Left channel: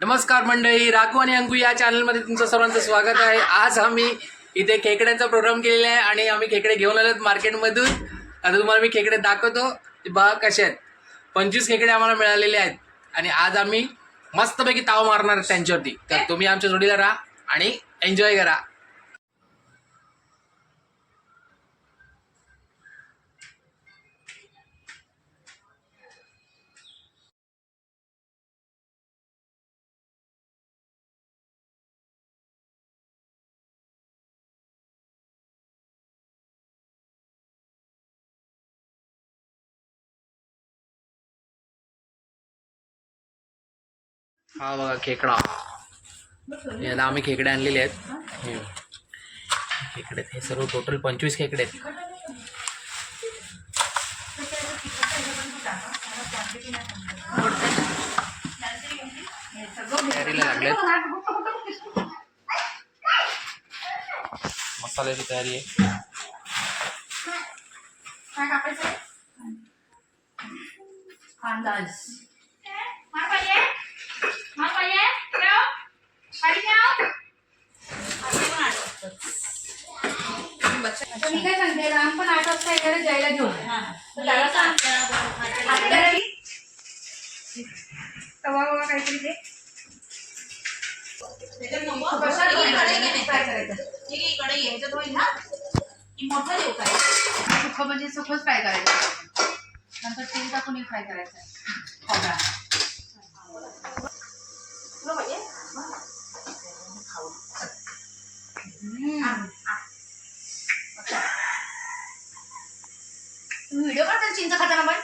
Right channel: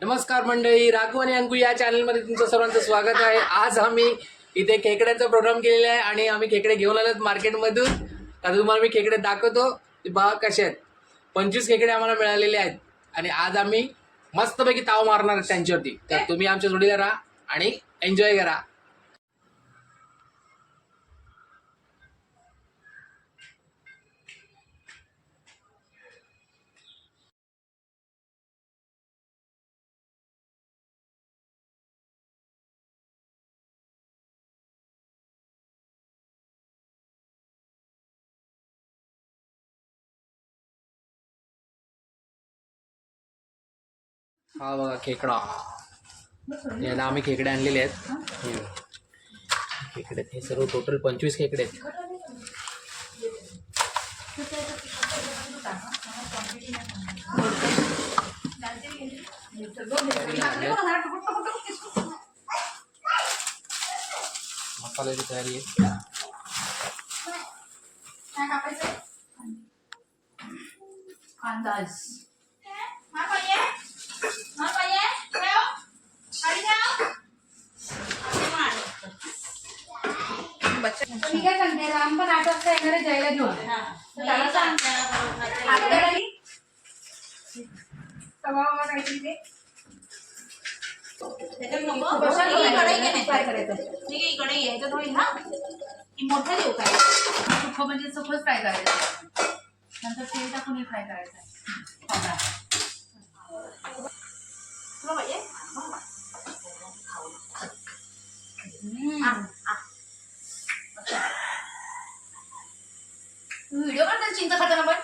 नमस्कार मंडळी राघव आणि अंकू या चॅनलमध्ये तुमचं सर्वांचं स्वागत आहे. आज आम्ही इथे खेकड्यांचा प्रोग्राम केलेला आहे आणि आम्ही खेकडे घेऊन आलोत मार्केटमधून आता तुम्हाला मी खेकडे दाखवतो. बघा कसे आहेत. पंचवीस खेकडे आम्हाला मिळालेले आहेत. आणि आज आम्ही मस्तपैकी ताव मारणार आहेत त्यांच्यावरती. तर तुम्ही आमच्या जोडीला राहा आणि एन्जॉय करा. हा बघा खेकडा. याला आम्ही खेकडे आणलेले आहेत. खेकडे आहेत. हे सर्व टोटल पंचवीस खेकडे आहेत. तयारीला लागलेत. मसाल्याची तयारी आहे. अंदाज मी काय सांगते राम पण आठ वाजता येणार आहे जायला घेऊन तर त्याला सांग. तवा ववा काहीतरी इकडे यायचं होईल ना? की मोठं देऊ काय? सुखं म्हणजे सुखच फ्राय करायचं. नंतर तेल टाकून फ्राय करायचं. खोबरा तुला पाहिजे व्हिडिओ काढतात चिंच खाताना पण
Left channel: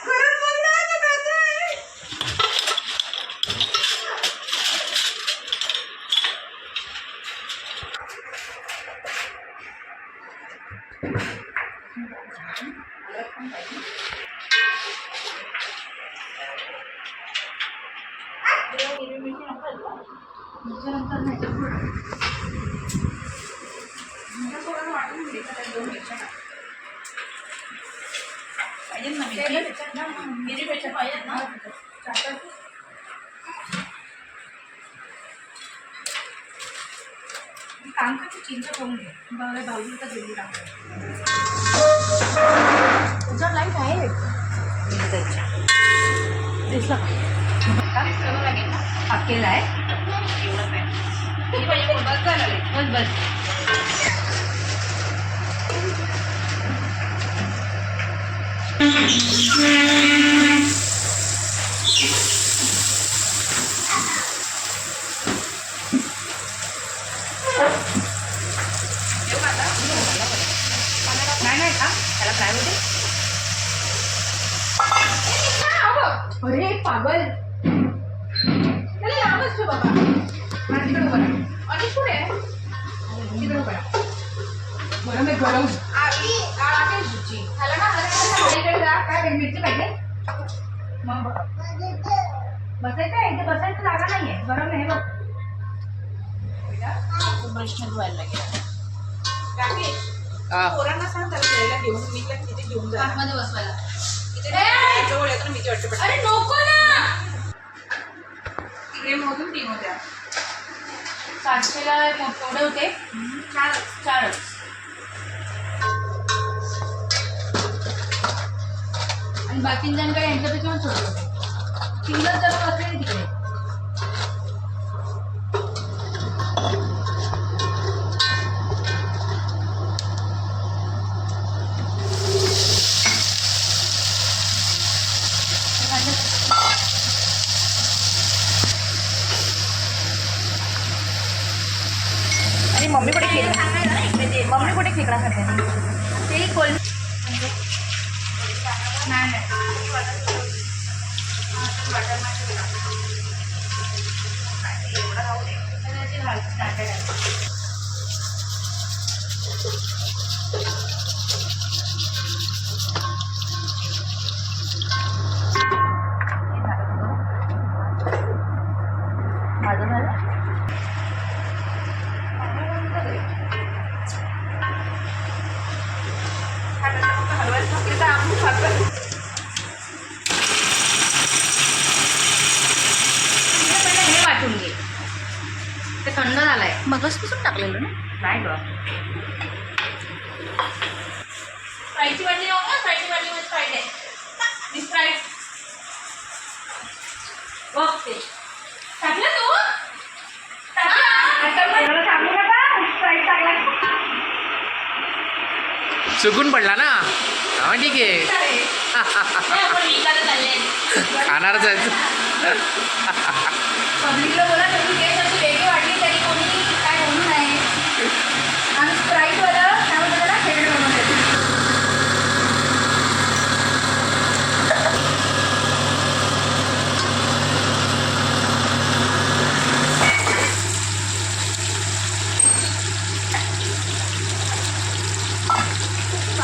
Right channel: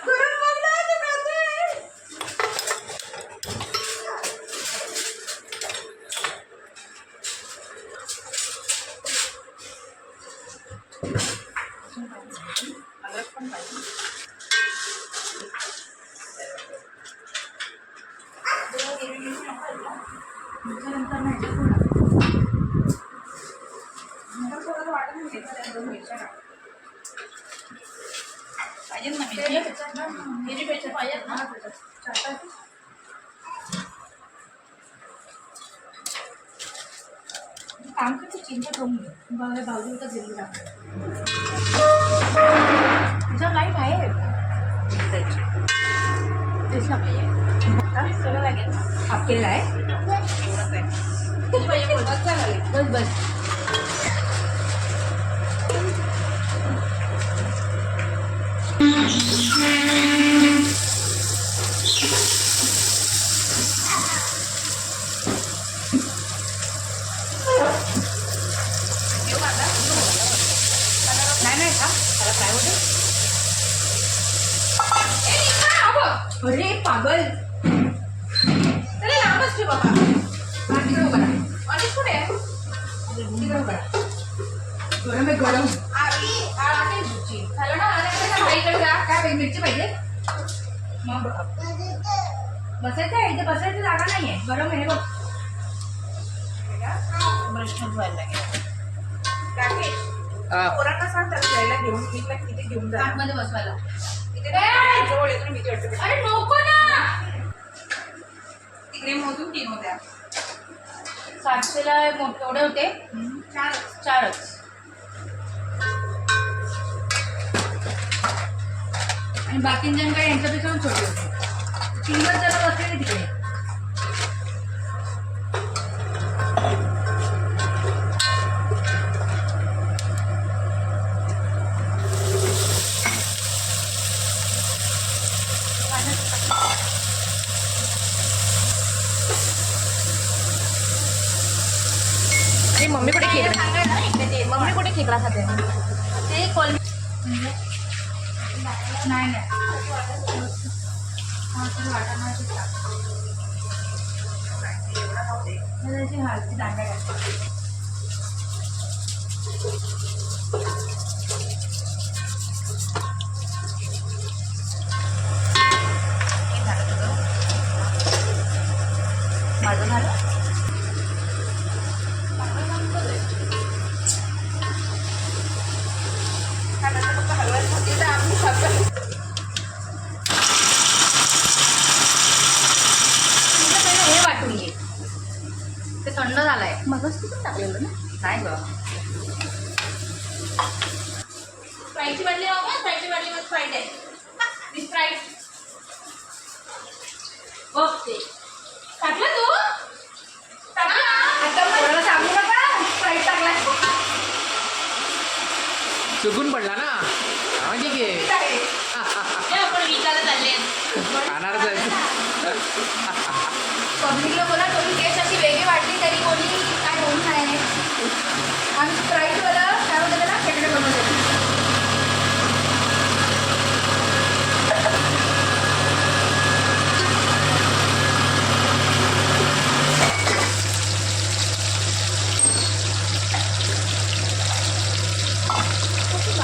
नंतर नाही पाहिजे ना मी मिरी पेक्षा पाहिजेत ना काम करते चिंता ठेवून घे बघा भाऊजी तर गेली राहते तुझ्या लाइट आहे सगळं लागेल ना आहे किती पाहिजे बोल. बस बस अरे पागल त्याला लांबच ठेव बाबा हा तिकडे उभा आणि पुढे आहे. तिकडे उभा गरम आहे गरम आली आळ आहे तुझी. झालं ना इकडे जा. काय मिरची पाहिजे? मग बसायचं आहे इथे बसायची जागा नाहीये. गरम आहे बघ. प्रश्न धुवायला लागेल पोरांना सांग त्याला घेऊन मी तिथे घेऊन जा आतमध्ये बसवायला. तिथे ए! जवळ येतो ना मी वाटतं अरे नको ना! तिकडे मोजून तीन होत्या सातशेला मोठे एवढे होते. छान चारच. आणि बाकींच्याकडे यांच्यापेक्षा पण छोटे होते. सिंगल जर बसले तिकडे. मम्मी कुठे खेकडा मम्मी कुठे खेकडा खाते? ते कोल হয়েছে হালকা मगसपासून टाकलेलं ना? नाही ग. फ्राईडची वाटली फ्राईडची वाटली मग फ्राईड आहे. मी फ्राईड ओके टाकलं तू? चुकून पडला ना? हा ठीक आहे. खाणारच आहे पब्लिकला बोला तुम्ही केस अशी वेगळी वाटली तरी कोणी काय बोलू नये आणि स्प्राईटवाला त्यामध्ये त्याला खेकडे बनवले होत आहे का थांब ना नंतर त्याच्यातच करते ते भांडं लागते का बघ त्या मिक्सरला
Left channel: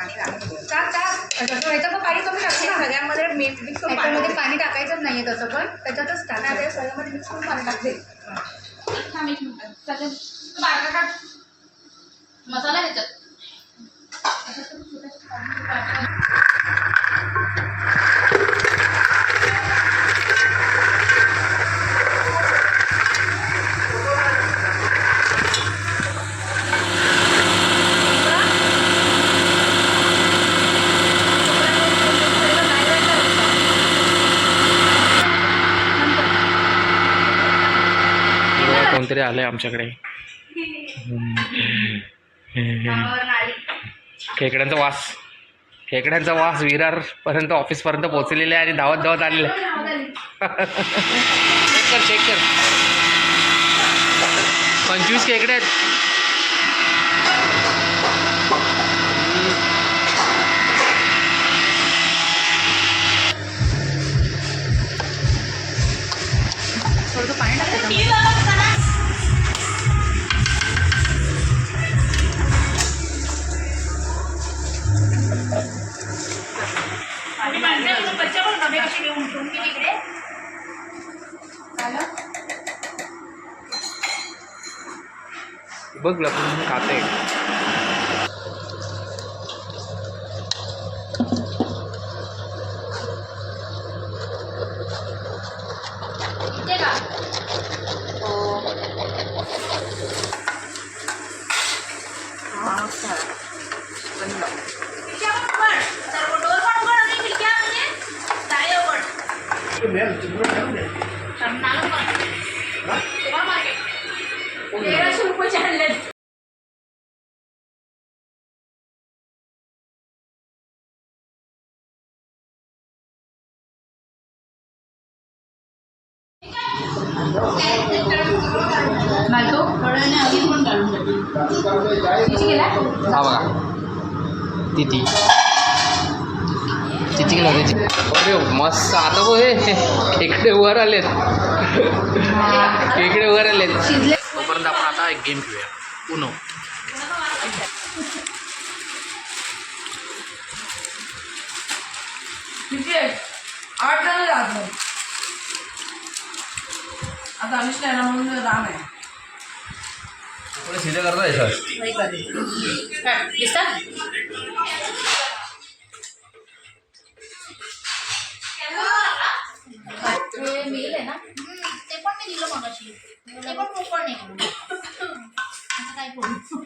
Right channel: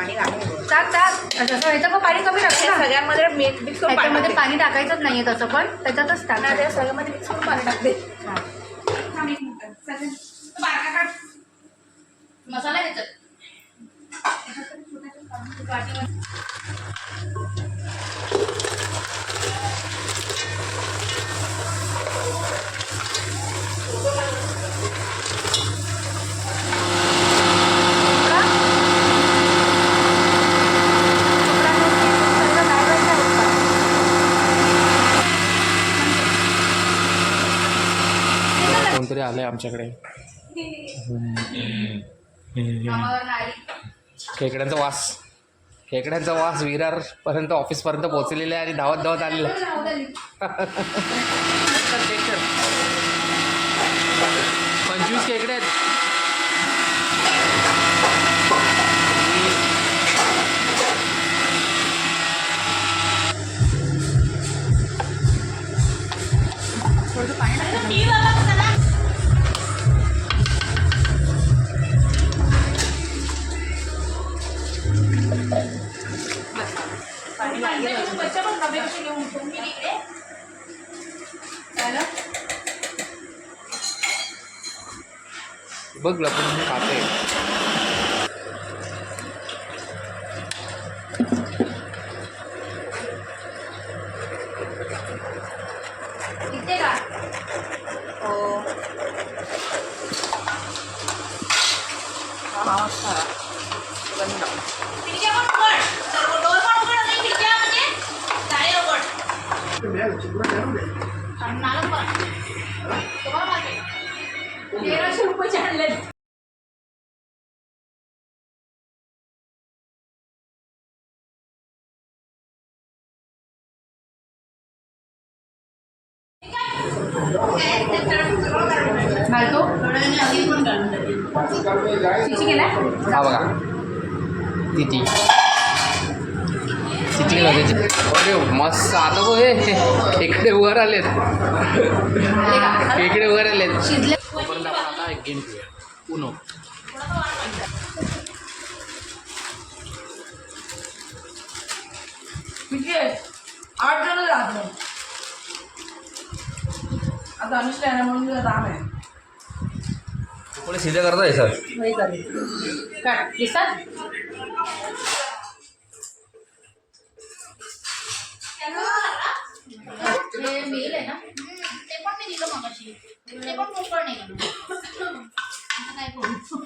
पाणी घालून. टाक टाक पण पाणी कमी टाकते ना. सगळ्यांमध्ये मिक्स मिक्स करून पाणी टाकायचंच नाहीये तसं पण त्याच्यातच नाही, टाक त्या सगळ्यामध्ये मिक्स करून पाणी टाकते. थांब एक मिनिट. सगळं तू बारका काढ मसाला ह्याच्यात आलं आहे आमच्याकडे. खेकड्यांचा वास. खेकड्यांचा वास विरार पर्यंत ऑफिस पर्यंत पोहोचलेला आहे आणि धावत धावत आलेला आहे. चेक कर पंचवीस खेकडे आहेत. बघ लपून खाते इथे का खिडक्या पण तेराशे रुपये आणले. घालतो हा बघा. अरे मस्त. आता बघ हे खेकडे वर आलेत. खेकडे वर आलेत. एक गेम खेळूया उनो किती आहे? आठ जण जात नाही. आज दानिश नाही ना म्हणून राम आहे. सीधे करतो हे सर हे मेल ना? हम्म, ते पण मी दिलं मगाशी. ते पण मोकळ नाही आता काय करू